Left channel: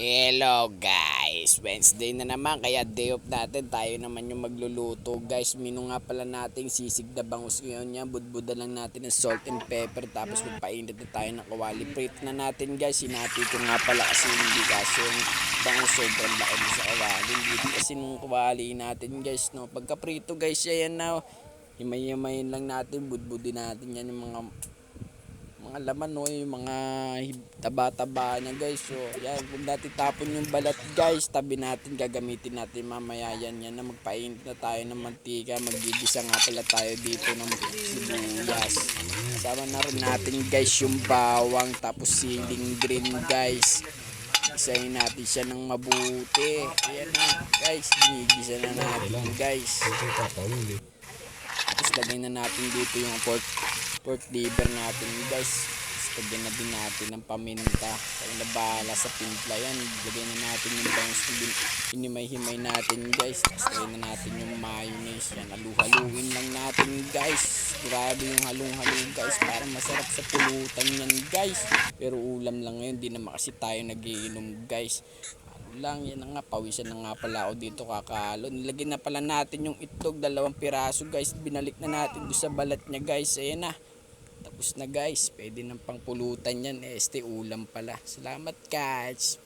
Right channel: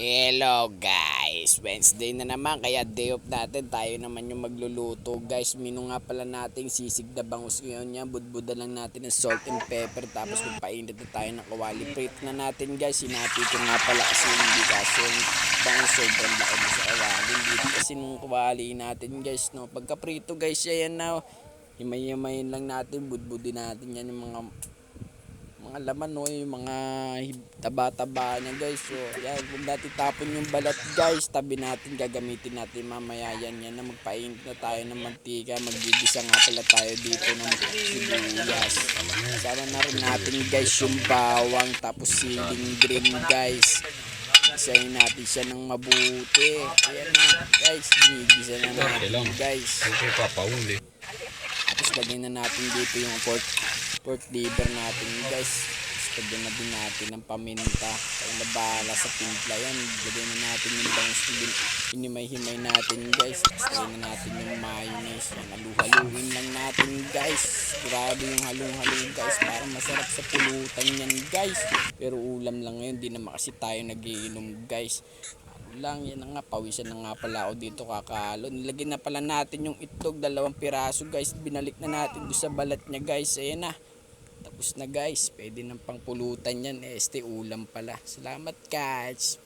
Hello guys, Wednesday na naman kaya day off natin, tayo naman yung magluluto guys. Mino nga pala nating sisig na bangus ngayon yan, budbudan lang natin ng salt and pepper tapos magpainit na tayo ng kawali. Prito na natin guys, sinati ko nga pala kasi hindi kasi yung bangus sobrang laki sa kawali. Dito kasi nung kawali natin guys, no? Pagka prito guys, yan na, himay-himayin lang natin, budbudin natin yan yung mga laman, no, yung mga taba-taba niya guys. So yan, huwag natin tapon yung balat guys, tabi natin, gagamitin natin mamaya yan na magpainit na tayo ng mantika. Magigisa nga pala tayo dito ng sibuyas, sama na rin natin guys yung bawang tapos siling green guys. Isahin natin siya ng mabuti. Ayan na guys, ginigisa na natin guys. Tapos lagyan na natin dito yung pork liver natin guys. Lagyan na din natin ng paminta. Kaya na bahala sa timpla yan. Lagyan na natin yung bangus na hinimay-himay natin guys. Tapos lagyan na natin yung mayonnaise yan. Halu-haluin lang natin guys. Grabe yung halong-halo guys, para masarap sa pulutan yan guys. Pero ulam lang ngayon, di naman kasi tayo nagiinom guys. Lang yan na nga, pawisan na nga pala ako dito kakalo. Nilagyan na pala natin yung itlog, 2 piraso guys. Binalik na natin doon sa balat niya guys. Ayan na, tapos na guys, pwede ng pangpulutan yan. Ulam pala. Salamat guys.